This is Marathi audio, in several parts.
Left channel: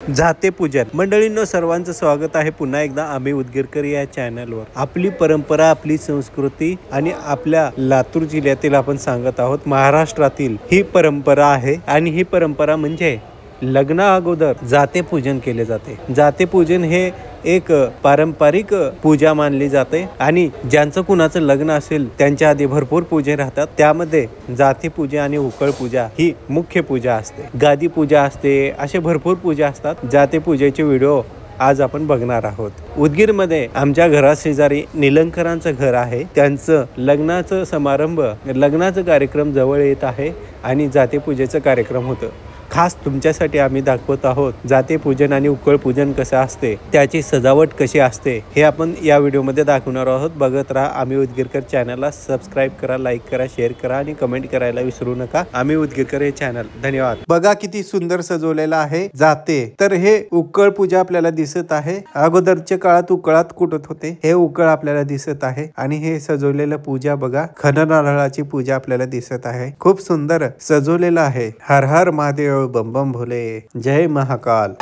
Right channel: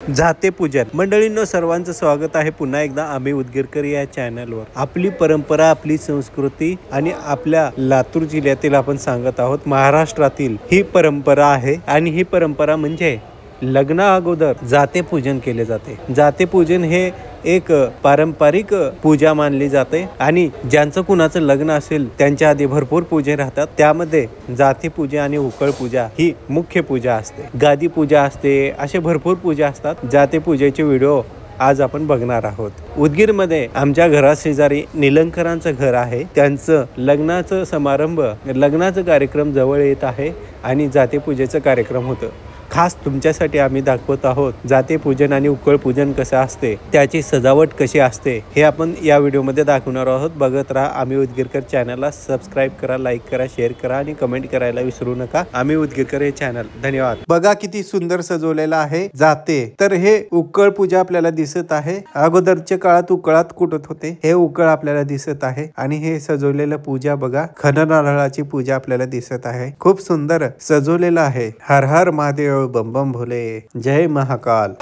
जाते पूजन मंडळींनो, सर्वांचं स्वागत आहे पुन्हा एकदा आम्ही उदगीरकर या चॅनलवर. आपली परंपरा, आपली संस्कृती आणि आपल्या लातूर जिल्ह्यातील आपण सांगत आहोत. महाराष्ट्रातील ही परंपरा आहे आणि ही परंपरा म्हणजे लग्ना अगोदर जाते पूजन केले जाते. जाते पूजन हे एक पारंपरिक पूजा मानली जाते आणि ज्यांचं कुणाचं लग्न असेल त्यांच्या आधी भरपूर पूजा राहतात. त्यामध्ये जाते पूजा आणि उकळ पूजा ही मुख्य पूजा असते. गादी पूजा असते, असे भरपूर पूजा असतात. जाते पूजेचे व्हिडिओ आज आपण बघणार आहोत. उदगीरमध्ये आमच्या घराशेजारी निलंकरांचं घर आहे. त्यांचं लग्नाचं समारंभ, लग्नाचा कार्यक्रम जवळ येत आहे आणि जाते पूजेचं कार्यक्रम होतं. खास तुमच्यासाठी आम्ही दाखवत आहोत जाते पूजन आणि उकळ पूजन कसं असते, त्याची सजावट कशी असते हे आपण या व्हिडिओमध्ये दाखवणार आहोत. बघत राहा. आम्ही उदगीरकर चॅनलला सबस्क्राईब करा, लाईक करा, शेअर करा आणि कमेंट करायला विसरू नका. आम्ही उदगीरकर हे चॅनल. धन्यवाद. बघा किती सुंदर सजवलेलं आहे जाते. तर हे उकळ पूजा आपल्याला दिसत आहे. अगोदरच्या काळात उकळात कुटत होते, हे उकळ आपल्याला दिसत आहे आणि हे सजवलेलं पूजा बघा, खणनारळाची पूजा आपल्याला दिसत आहे. खूप सुंदर सजवलेलं आहे. हर हर महादेव, बम बम भोले, जय महाकाल.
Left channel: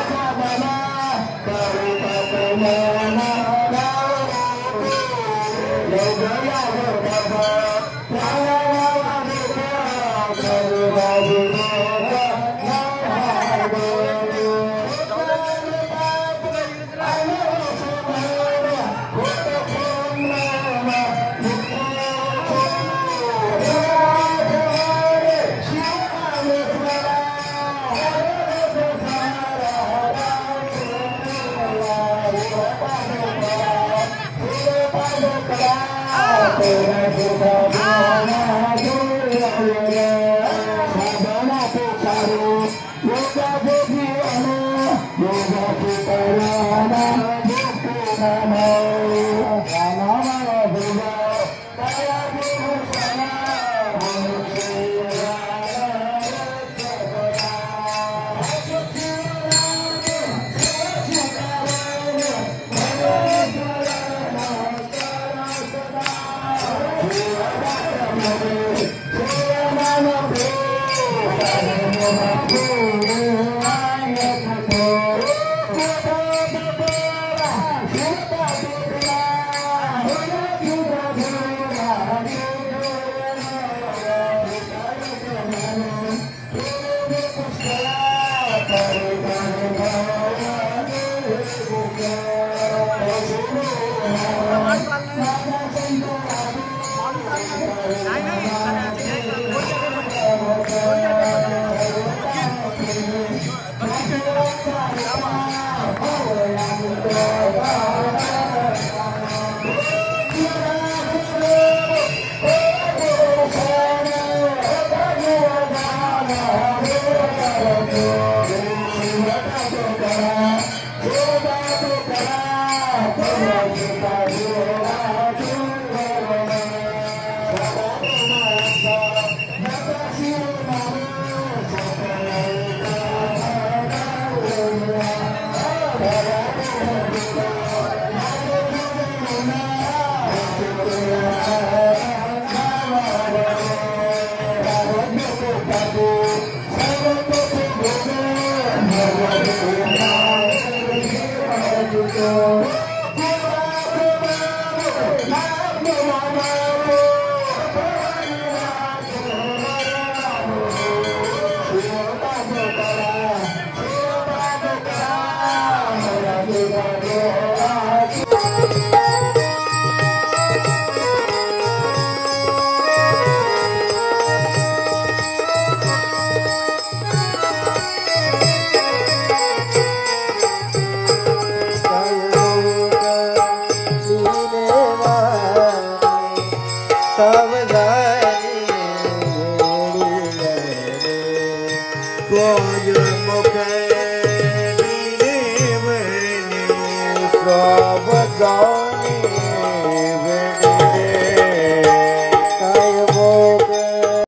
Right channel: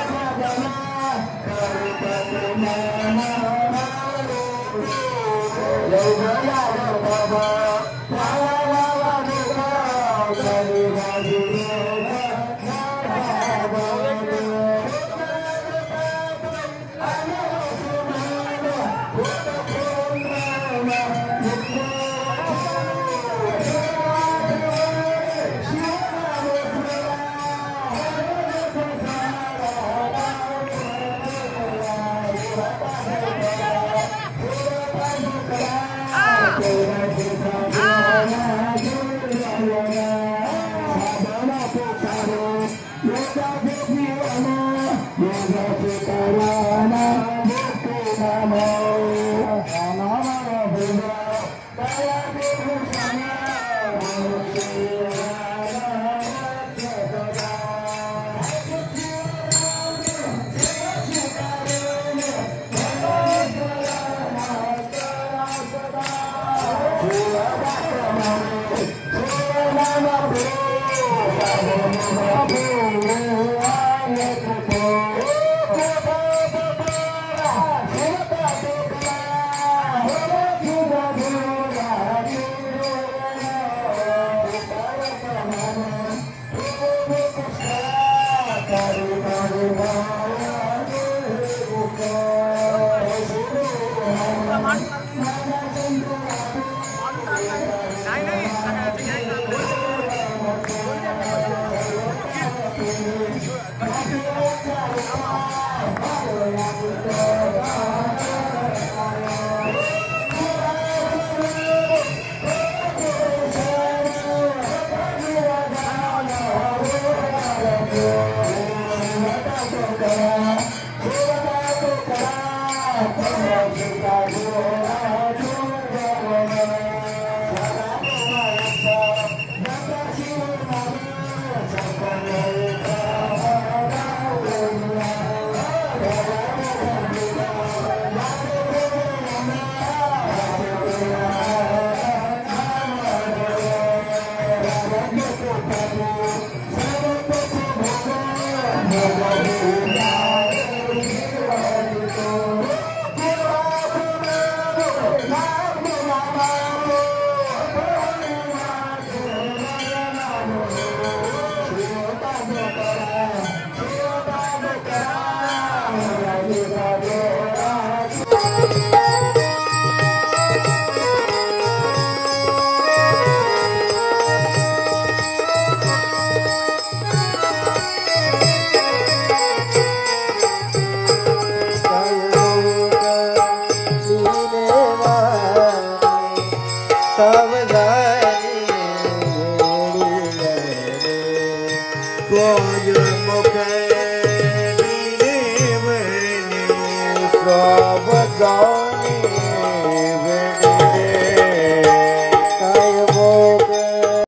Sabe